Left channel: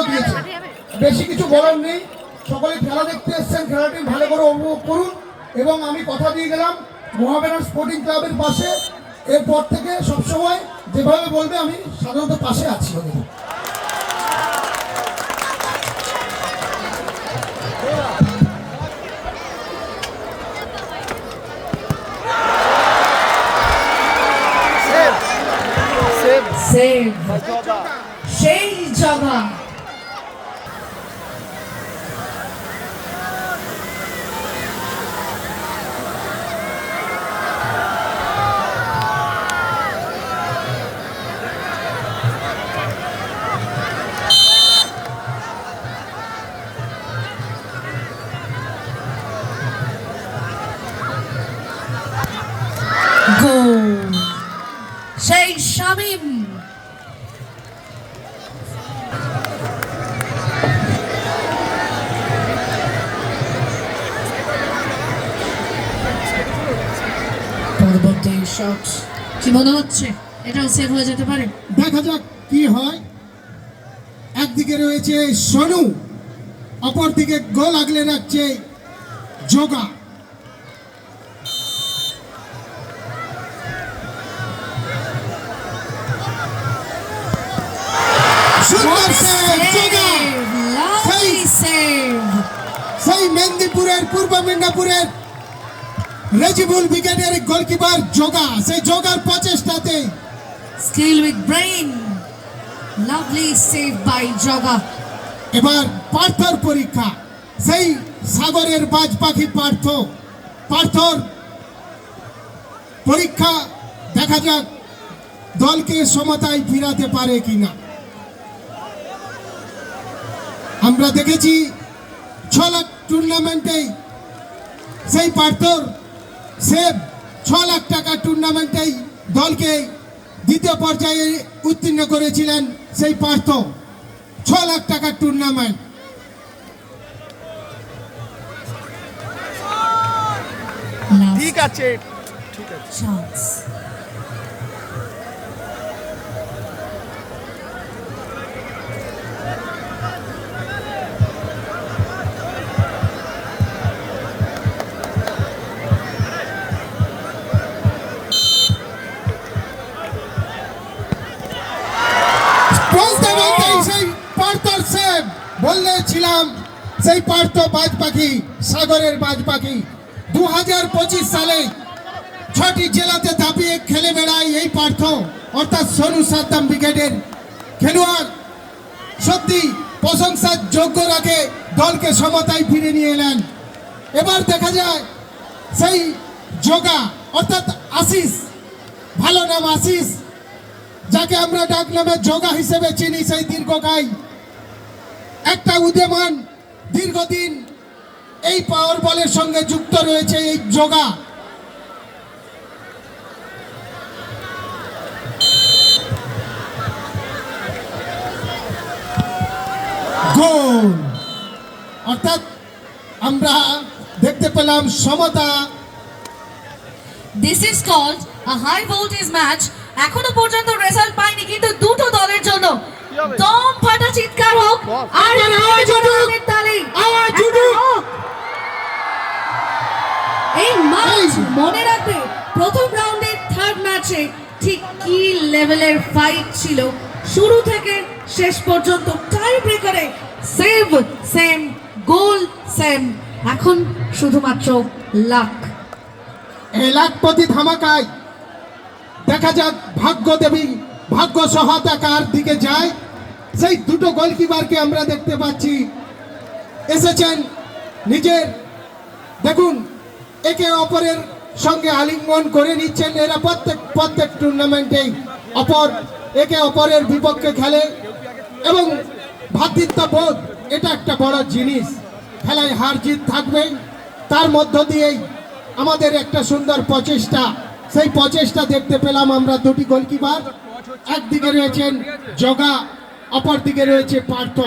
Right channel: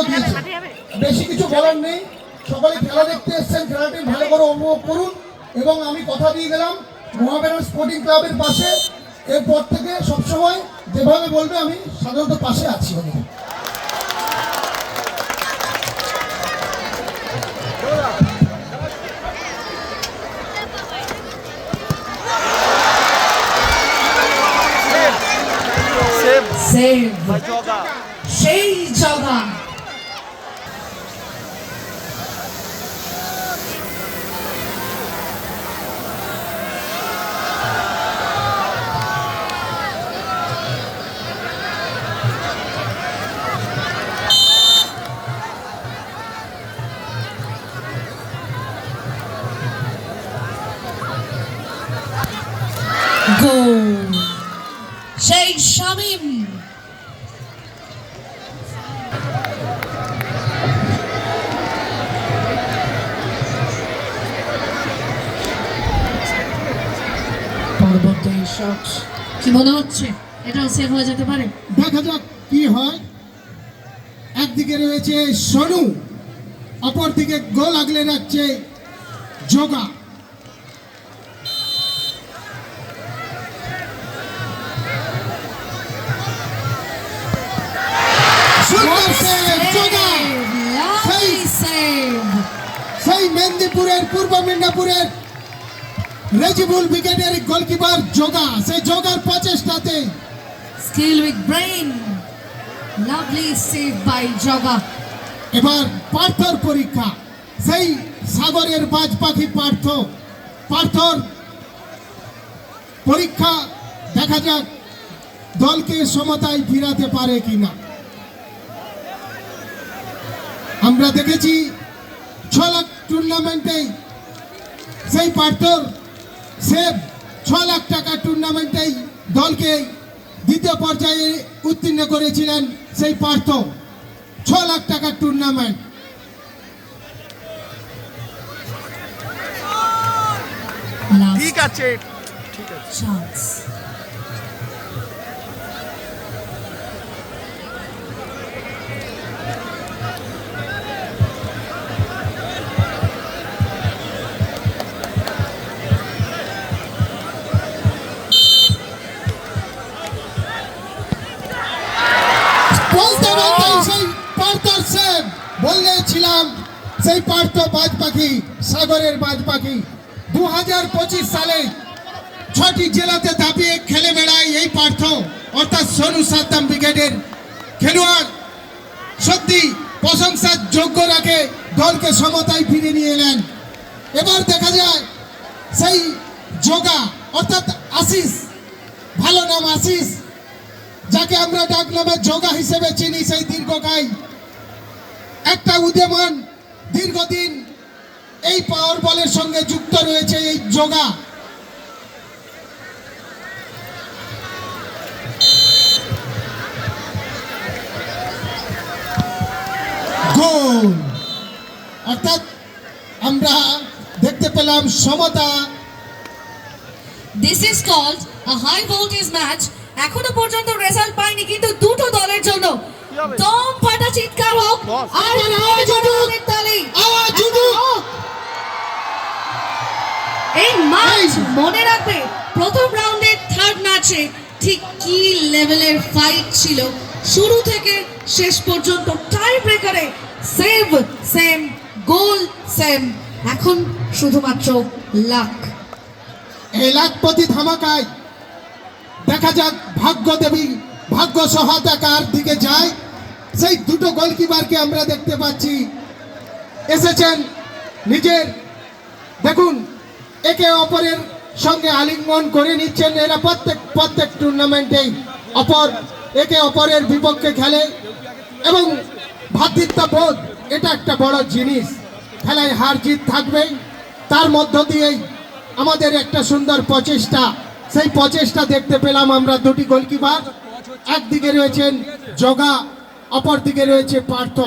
পুরস্কারও দিয়েছে বেশি কিছু বলার নেই সকলে খেলা দেখতে এসছেন খেলাটি ভালো করে উপভোগ করুন এবং আমি কথা দিয়ে গেলাম মহাবেনা স্পোর্টিং ক্লাবের পাশে এরপর থেকে সবসময় যেভাবে বলবে আমি সাধারণত পাশে আছি ওদের সেই জগা সেই শামিম। পরবর্তী শট কি মনে হচ্ছে? এটাও সেভ হয়ে যেতে পারে। দেখা যাক কি হয়। একদিকে রয়েছে সনু, অপরদিকে গোল আগলে রাখছে যোগা। সেই মেদিনীপুরের পূর্ব মেদিনীপুরের রেজিবুল ব্রিগেডের গোলকিপার যোগা। সেই যোগার প্রচেষ্টাতে। Skill with brain lovely save by Joga এবার পার্থর পরীক্ষা। সেই সাগরের বাজ পাখি পার্থ। পার্থর পরীক্ষা দেখা যাক দলকে সমতায় ফিরাতে পারে কিনা। আমরা দেখেছি লাখ টুর্নামেন্টেই সেই পার্থর সে ছ লাখ টাকা টুর্নামেন্টেই দলকে দ্বিতীয় পর্যায়ে উত্তীর্ণ করেছিলেন সেই পার্থ ছ লাখ টাকার টুর্নামেন্ট ঠিক আছে। ঠিক আছে। বলতে বলতে সেই পার্থর সেব বললেছিলাম সেই পার্থ বাজ পাখি সাগরের বাজ পাখি দু হাজার পঁচিশ সালে ছটি জেলাতে দাপিয়ে খেলে বেড়ায় এই পার্থ, অর্থাৎ সনু সাদ্দাম ব্রিগেডের খেলোয়াড়। সত্যি প্রশংসার যোগ্য রেখে দলকে সমতায় ফিরে নিয়ে এলেন। এবার দেখা যায় সেই যোগা, অর্থাৎ আশিস, ভালো নাম আশিস যাকে আমরা ডাক নামে যোগা হিসেবে চিনি, সেই দীর্ঘকায়। একটা উদীয়মান দীর্ঘদিন এই পাওয়ার বলের সঙ্গে যুক্ত রয়েছে এই যোগা। গোল। অর্থাৎ আমরা দেখতে পেলাম সমতা। This is called a high voltage match এখনও পর্যন্ত রেজাল্ট পাইনি কিন্তু দুটো দলের জন্য দম ফাটা চিৎকার হোক আর আবার আওয়াজ উঠুক। তালের তালি আওয়াজ একটা উঠুক। হোক। এই ম্যাচ মনে রাখবে প্রথম রাউন্ডের থার্ড ম্যাচে ঠিক কি লেভেলের ফাইট ছিল শুরু থেকে শেষ পর্যন্ত টাই ব্রেকারে সেভ সেম গোল সেম এখন শুধুমাত্র লাক এই লাখপতি ধামাকায় দেখা যাক ভাগ্য দেবী ভাগ্য সহায়তাকার দিকে যায়। সেই দুটো গোলকিপারকে আমরা দেখতে পাচ্ছি। এসেছেন নিজের, দেখুন, একে অপরের সঙ্গে আলিঙ্গন করে নিচ্ছেন। এরা প্রত্যেক প্রত্যেক টুর্নামেন্টেই অপর, একে অপরের বিপক্ষে খেলে। এবং ভ্রাতৃত্ববোধ এটা একটা বড় জিনিস। খেলায় হার জিত থাকবে তার মধ্য দিয়েই আমাদের একটা সুন্দর প্রচেষ্টা সেই প্রচেষ্টা দেখতে পেলাম আমরা দুটি গোলকিপার। একদিকে রয়েছেন জগা অপর দিকে রয়েছে পার্থ।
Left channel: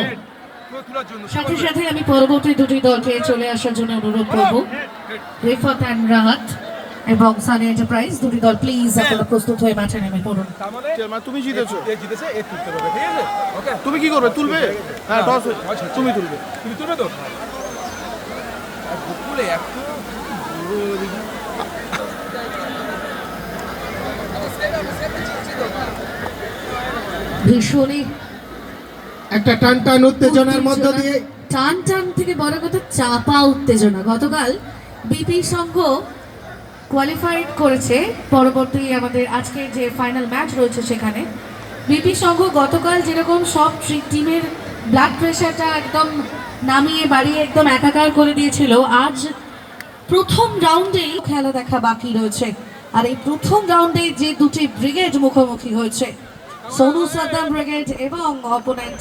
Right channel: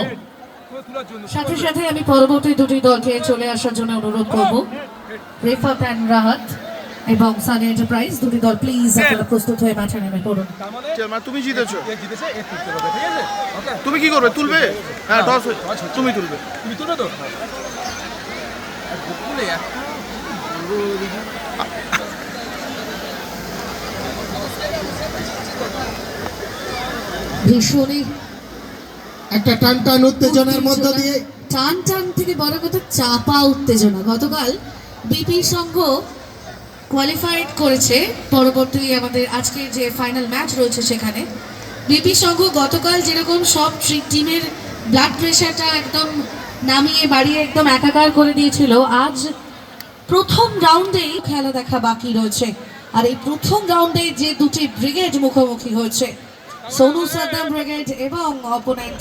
সাথে সাথে আমি পরবর্তী দুটি দলকে চলে আসার জন্য অনুরোধ করব। রেফাত অ্যান্ড রাহাত এবং সানি এন্টারপ্রাইজ দুটি দল প্লিজ আপনারা প্রস্তুত হয়ে মাঠে নেমে পড়ুন। তুমি জিতেছো? জিতেছে এ তুলতে হবে ঠিক আছে ওকে তুমি কি করবে? তুলবে? হ্যাঁ টস তুমি তুলবে। তুমি তুলবে তো? আর এত। ভীষণই একটা টান টান উত্তেজনার মধ্য দিয়ে। টান টান থেকে বড় কথা চাপা উত্তেজনা। গতকাল বিপি সংঘ কোয়ালিফাইড করেছে। পরবর্তী আমাদের আজকের যে ফাইনাল ম্যাচ রয়েছে সেখানে। বিপি সংঘ গতকাল যেরকম সব টিমের ব্লাড প্রেশারটা একদম নামিয়ে বাড়িয়ে একদম একাকার করে দিয়েছিল আজ প্রথম রাউন্ডেই খেলা দেখা বাকি রয়েছে। আর এই প্রথম রাউন্ডে যে দুটি ব্রিগেড মুখোমুখি হয়েছে সোনু সাদ্দাম ব্রিগেড এবং অপোনেন্ট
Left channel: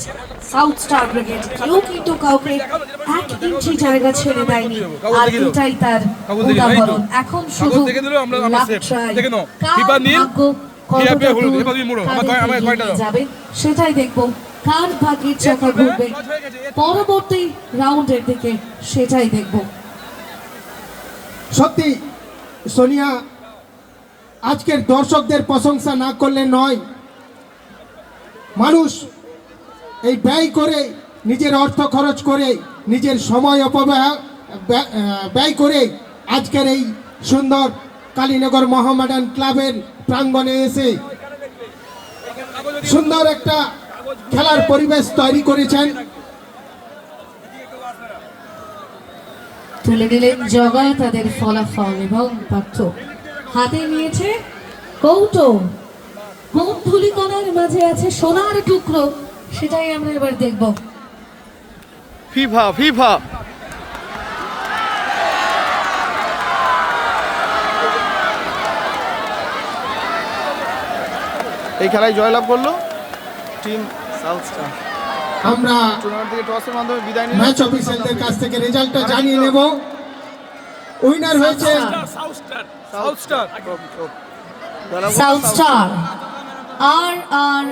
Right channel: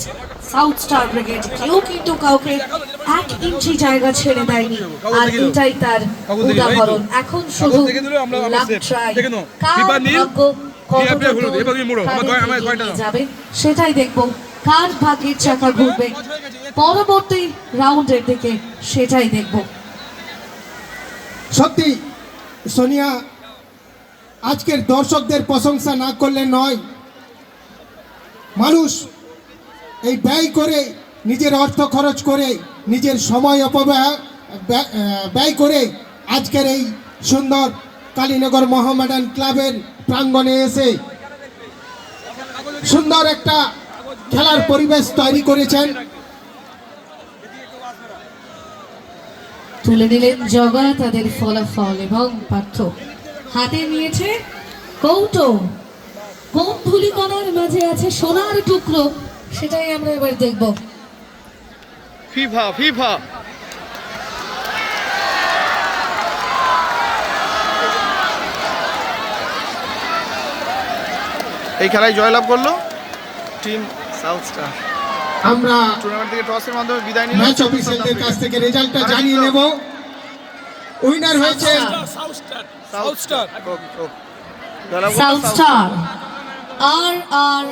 সাউথ স্টার ব্রিগেড কেউ কিন্তু কাউকে এক ইঞ্চি জায়গা ছেড়ে দেয়নি। আর এটাই তার উদাহরণ। এখন শুধু লাভ ট্রাই কার ভাগ্য। যাবে সেটাই দেখব। কার ভাগ্যের চাকা ঘুরবে? পরবর্তী রাউন্ডের দিকে সেটাই দেখব। সত্যি সোনিয়া আজকের দর্শকদের প্রশংসা না করলে নয়। মানুষ এই ব্যয় করে নিজের অর্থ খরচ করে নিজের সময় অপব্যয়, ব্যয়- করে আজকের এই সুন্দর কালীনগর মোহামেডান ক্লাবের প্রাঙ্গণে এসে সুন্দর একটা খেলার পরিবেশ তৈরি করেছেন। তুলে নিলেন জগা তাদের ফলাফল এবং পার্থ হাতে নিয়েছে কৌটো কোন ধুলিকণার মাঝে আছে সোনার টুকরো সেটাই আমরা এবার দেখব। FIFA FIFA. এই খেলায় জয়লাভ করল টিম সাউথ স্টার। আমরা টুর্নামেন্ট থেকে টসের মাধ্যমে বিদায় নিল ম্যাচ অফিসারদের কাছ থেকে রেজাল্টটা জানিয়ে নেব। উইনার হয়েছে সাউথ স্টার আর আর